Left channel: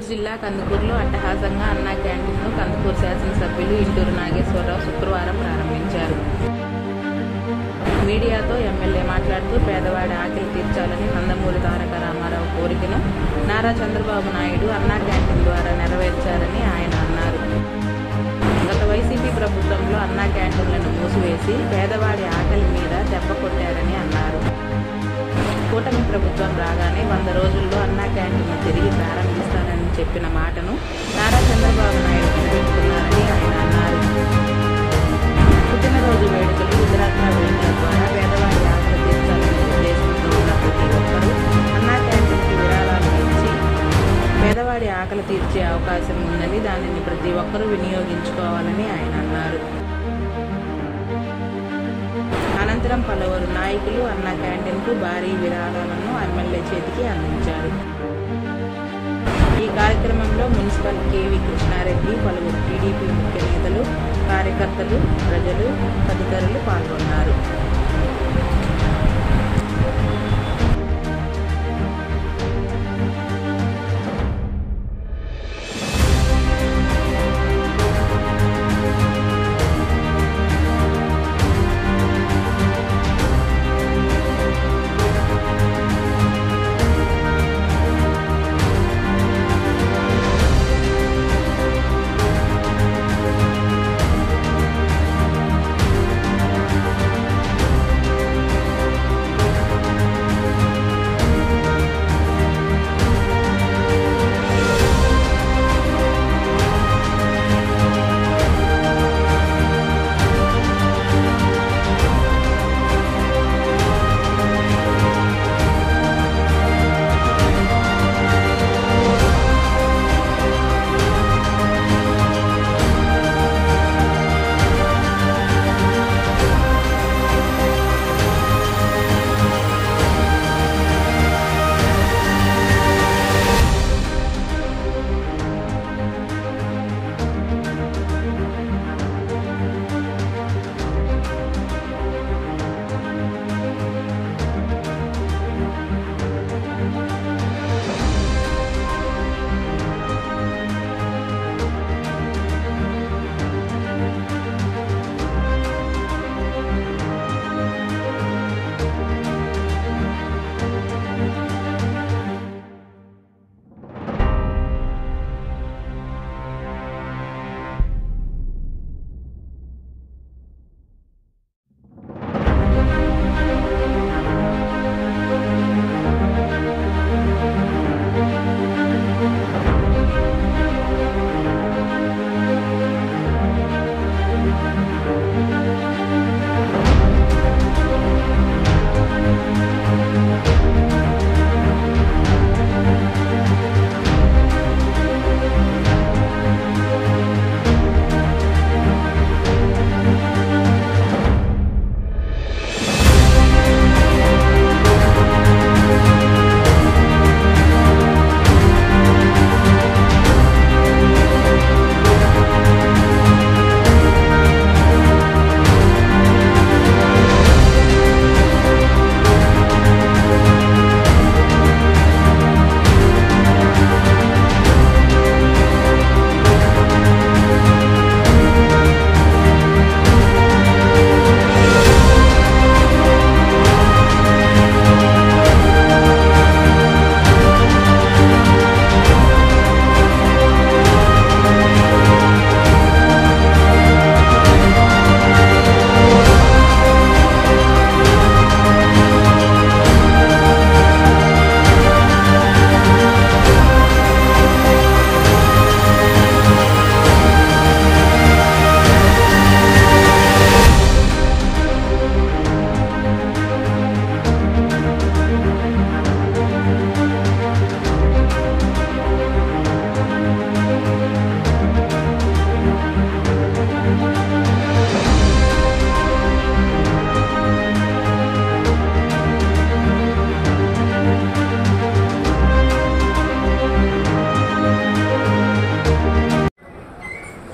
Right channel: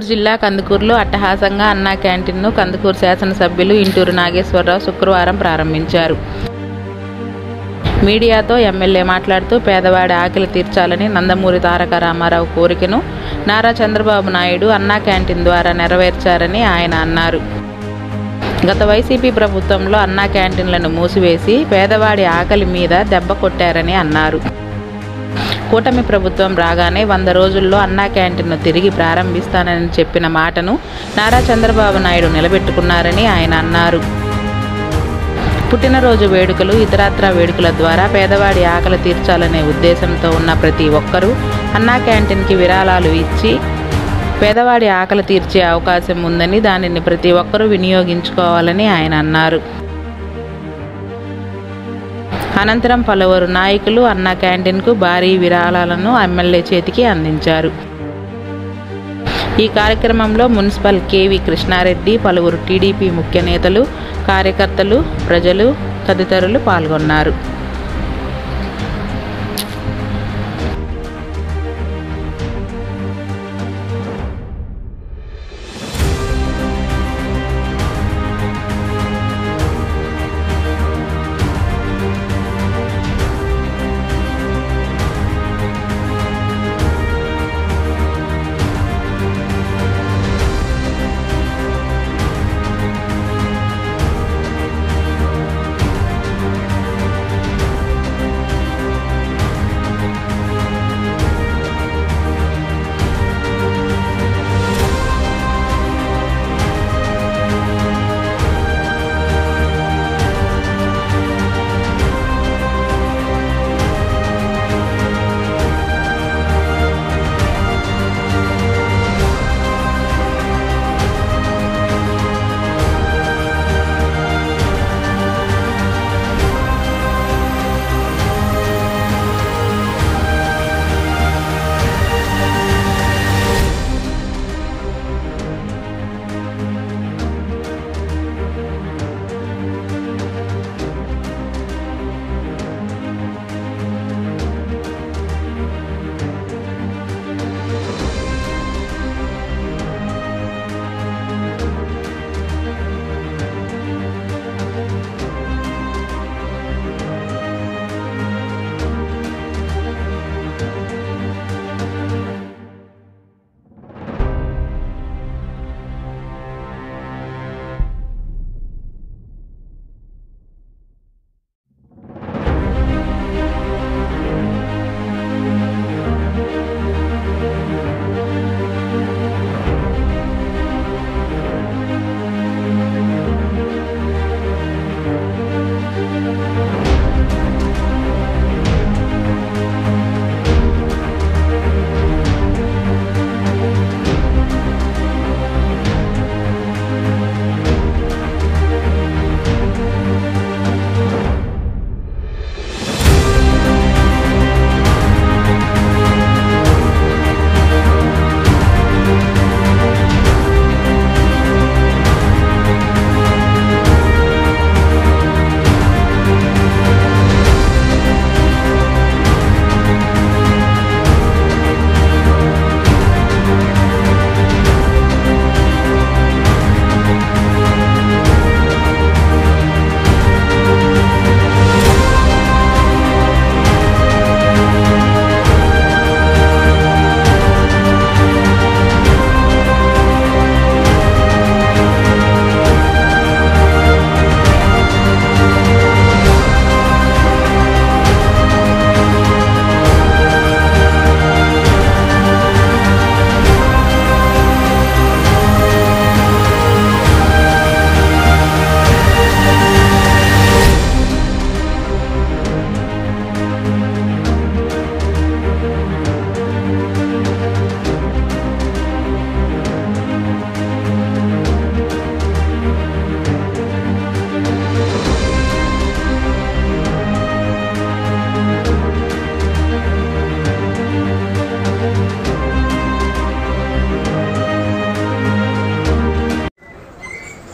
గుంటూరు జిల్లా కందుకూరులో అట్టహాసంగా అన్నా క్యాంటీన్ను కందుకూరు శాసనసభ్యులు ఇంటూరు నాగేశ్వరరావు శుక్రవారం ప్రారంభించారు. మీడియాతో ఎమ్మెల్యే మాట్లాడుతూ పేదవాడి ఆకలి తీర్చాలని నందమూరి తారక రామారావు కోరికను నారా చంద్రబాబు నాయుడు అన్నా క్యాంటీన్ ద్వారా నెరవేర్చారని ఆయన అన్నారు. గత వైసీపీ ప్రభుత్వంలో అన్నా క్యాంటీన్లను మూసివేసి పేదవాడి ఆకలి మీద దెబ్బ కొట్టారని అన్నారు. కూటమి ప్రభుత్వం రాగానే 100 రోజుల్లో అన్నా క్యాంటీన్ను తిరిగి ప్రారంభిస్తానని చెప్పిన మాటను నారా చంద్రబాబు నాయుడు నిలబెట్టుకున్నారని ఆయన అన్నారు. పుట్టినరోజు వేడుకలు, ఇతరత్రా వేడుకల ద్వారా పేదవాడి ఆకలి తీర్చాలనే ఉద్దేశంతో ఉన్న ప్రతి ఒక్కరూ అన్నా క్యాంటీన్కి విరాళాలు ఇచ్చి పేదవాడి ఆకలి తీర్చే అవకాశం ఉందని, దానిని ప్రతి ఒక్కరూ వినియోగించుకోవాలని ఆయన అన్నారు. అనంతరం పలువురు నాయకులు అన్నా క్యాంటీన్కు భారీ విరాళాలను ఎమ్మెల్యే చేతికి అందించారు. ఈ కార్యక్రమంలో మున్సిపల్ కేవి కృష్ణారెడ్డి, పలువురు టీడీపీ ముఖ్య నేతలు, కార్యకర్తలు, ప్రజలు తదితరులు పాల్గొన్నారు.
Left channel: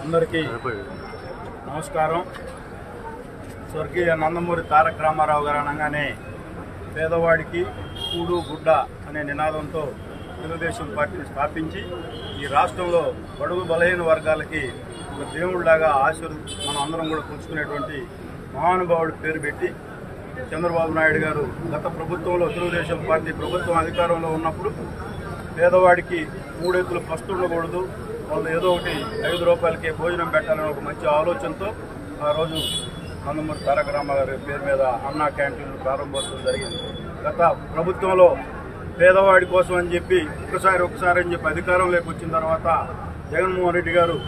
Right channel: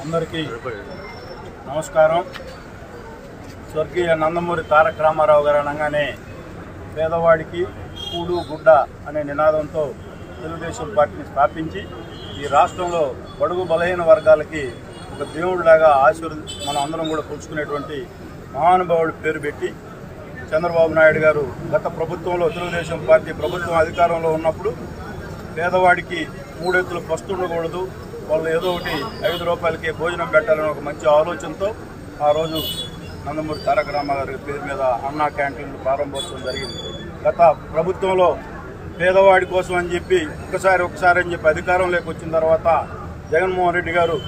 అందరికీ నమస్కారం. స్వర్గీయ నందమూరి తారక రామారావు గారు అనగానే పేదవాడికి కూడు గుడ్డ అనే నినాదంతో తెలుగుదేశం పార్టీని స్థాపించి ఈ రాష్ట్రంలో బడుగు బలహీన వర్గాలకి ఒక దేవుడిలాగా మనం అందరం కూడా కొలుచుకునేటువంటి మహానుభావుడి పేరు పెట్టి చంద్రబాబు నాయుడు గారు గత ప్రభుత్వంలో తెలుగుదేశం పార్టీ ప్రభుత్వం అధికారంలో ఉన్నప్పుడు పేదవాడికి 3 ఎత్తులు పస్తు ఉండకూడదు, వాళ్ళు ఏదో ఒకటి 5 రూపాయలకి భోజనం పెట్టాలని ఒక మంచి ఆలోచనతో ఆ రోజు నందమూరి తారక రామారావు గారి పేరు మీద అన్నా క్యాంటీన్లు ప్రారంభోత్సవం జరిగింది. గత ప్రభుత్వంలో పేదవాడి కోసం అని చెప్పి ఒకసారి అని చెప్పి అధికారంలోకి వచ్చిన తర్వాత జగన్మోహన్ రెడ్డి గారు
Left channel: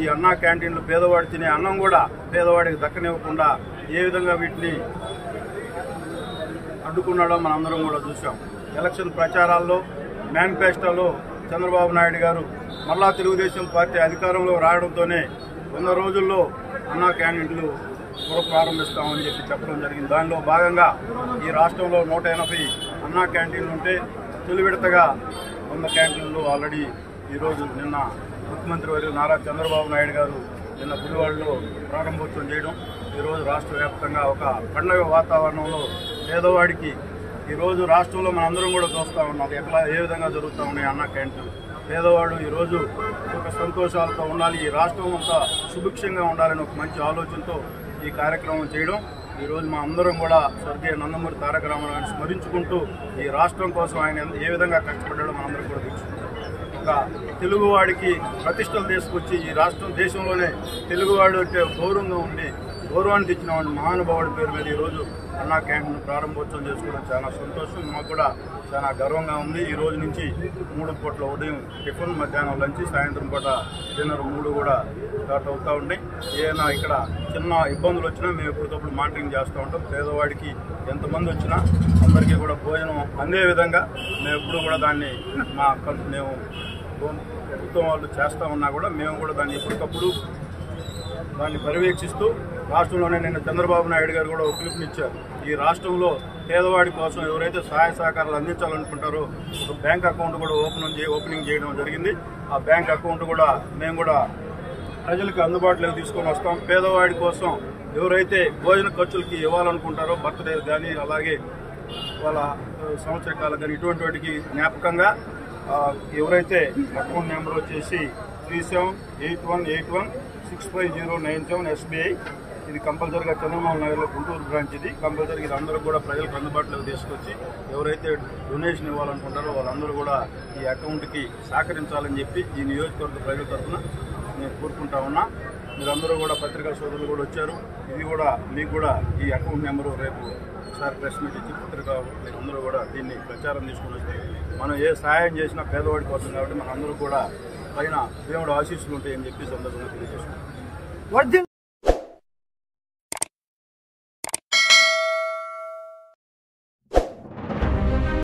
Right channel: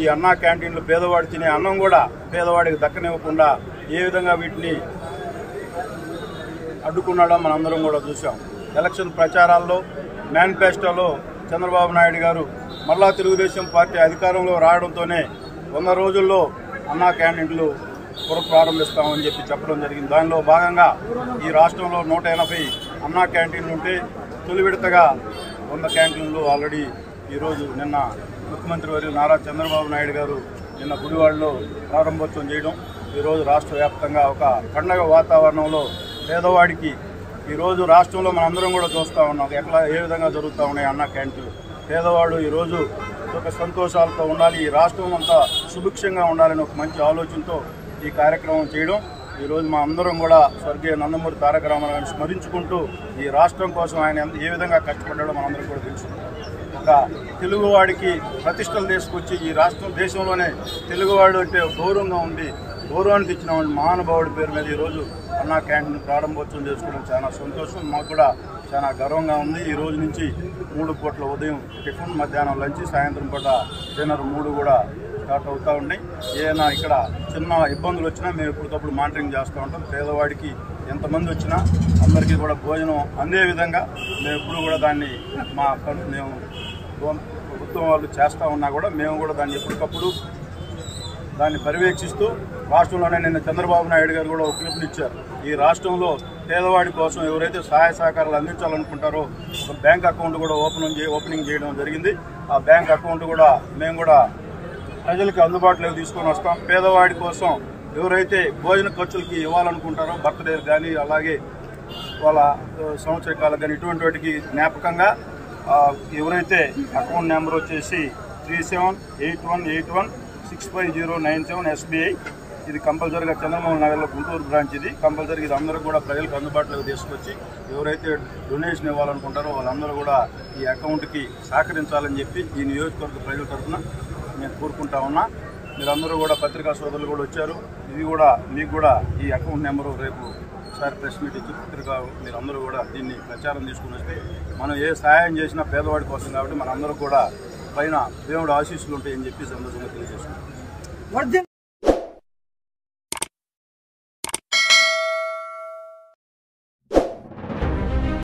ఈ అన్నా క్యాంటీన్లు పేదవాడు తినే అన్నం కూడా పేదవాడికి దక్కనివ్వకుండా ఏ విధంగా వీటిని అడ్డుకున్నాడో మనందరం కూడా చూసాం. ఎలక్షన్ ప్రచారాల్లో మేనిఫెస్టోలో చంద్రబాబు నాయుడు గారు మళ్ళా తెలుగుదేశం పార్టీ అధికారంలో రావడంతోనే 100 రోజుల్లో అన్నా క్యాంటీన్లు ప్రారంభిస్తామని చెప్పి చెప్పడం జరిగింది. దానిలో భాగంగా ఈ రాష్ట్రంలో 180 అన్నా క్యాంటీన్లు ఉంటే తొలి విడతగా 100 క్యాంటీన్లు ఆల్రెడీ ఈరోజు నిన్న ముఖ్యమంత్రి వర్యులు నారా చంద్రబాబు నాయుడు గారు నిన్న గుడివాడలో ప్రారంభోత్సవం చేయడం, ఈరోజు రాష్ట్ర వ్యాప్తంగా ఒక పండగ వాతావరణంలో పేదవాడికి ఈరోజు రాష్ట్రంలో మనందరం కూడా చూస్తూ ఉన్నాం ఏ విధంగా జరుగుతూ ఉన్నాయి అన్నా క్యాంటీన్లు. పేదవాడు ఈరోజు ఒక సంతోషాలతో ఉండాలి, ఈ రాష్ట్రం అంతా సుభిక్షంగా ఉండాలని ఒక మంచి ఆలోచనతో ఈ కార్యక్రమం చేయడం. ఈరోజు మా అందరం కూడా స్వర్గీయ నందమూరి తారక రామారావు గారిని స్మరించుకుంటూ ఈ రాష్ట్రం కోసం ఆయన ఏ విధంగా కష్టపడ్డాడో మనందరం కూడా తెలుసుకుంటాం. ఒక తెలుగువాడికి ప్రతిష్టలు తీసుకొచ్చి ఈ దేశంలోనే తెలుగువాడు అంటే గౌరవంగా ఉండి గౌరవాన్ని తెచ్చిన మహానుభావుడి పేరు మీద ఈరోజు అన్నా క్యాంటీన్ ప్రారంభోత్సవం చేసుకోవడం చాలా సంతోషం, మాకు కూడా చాలా గర్వంగా ఉంది. ఈ రోజు నుంచి 3 పూట్ల ఉదయం టిఫిన్, మధ్యాహ్నం లంచ్, సాయంత్రం పూట డిన్నర్ 3 కూడా స్టార్ట్ అవుతూ ఉన్నాయి. ఏదైనా ఇక్కడ చిన్న ఇబ్బందులు వచ్చినా మేము ఎప్పటికప్పుడు మానిటరింగ్ చేస్తూ ఉంటాం. పేదవాడికి ఎంతమంది వచ్చినా అందరికీ కూడా భోజనం అందే విధంగా మేము ఎప్పుడు కూడా దాన్ని మేము ప్రభుత్వం వాళ్ళు చేస్తూ ఉన్నా కూడా మేము కూడా దాన్ని ఎప్పటికప్పుడు దాన్ని పర్యవేక్షిస్తూ రాష్ట్రంలోనే నిన్న చంద్రబాబు నాయుడు గారు కూడా ఒక పిలుపునిచ్చారు. ఈ రాష్ట్రంలో పేదవాడి కోసం ఎవరైతే సహాయ సహకారాలు అందించాలనుకుంటారో ఒక బ్యాంక్ అకౌంట్ కూడా ఓపెనింగ్ చేయడం జరిగింది. ఆ బ్యాంక్ అకౌంట్ కూడా మేము కూడా ప్రజలకు అందుబాటులోకి తీసుకొని వస్తాం. పేదవాడి కోసం ఎవరైతే భోజన ఖర్చులకి ఇవ్వాలనుకుంటారో బర్త్డేలు కానీ అలాగే వాళ్ళ సంవత్సరకాలకు కానీ ఇటువంటి వాటికి జ్ఞాపకంగా ఎవరైతే అకౌంట్ నెంబర్ వచ్చేసి 3781816509 SBI, ఇది కంపల్సరీగా చంద్రబాబు నగర్లో గుంటూరు బ్రాంచ్, ఇది కంపల్సరీ ఇది అందరూ కూడా ప్రజలకు అందుబాటులోకి తీసుకొచ్చి ఎవరైతే డొనేషన్ ఇవ్వాలనుకుంటారో వాళ్ళందరూ కూడా ఈ అకౌంట్కి సహకరించాలని చెప్పి ఈ నియోజకవర్గ ప్రజల తరఫున నేను కోరుకుంటా ఉన్నా. మీరందరూ కూడా పత్రికా సోదరులు కూడా వచ్చారు, ఇది కూడా మీకు కూడా ఈ అకౌంట్ నెంబరు రేపు ఒకసారి ప్రెస్ మీట్ ఇచ్చి పత్రికా మీరందరూ కూడా దీన్ని ప్రచారం తీసుకుని వస్తే మనం ఏ సహాయం చేసినా పేదవాడి కోసం కాబట్టి మనందరూ కూడా పైన దేవుడు ఆశీస్సులు ఉంటాయని చెప్పి సందర్భంగా తెలియజేసుకుంటాం.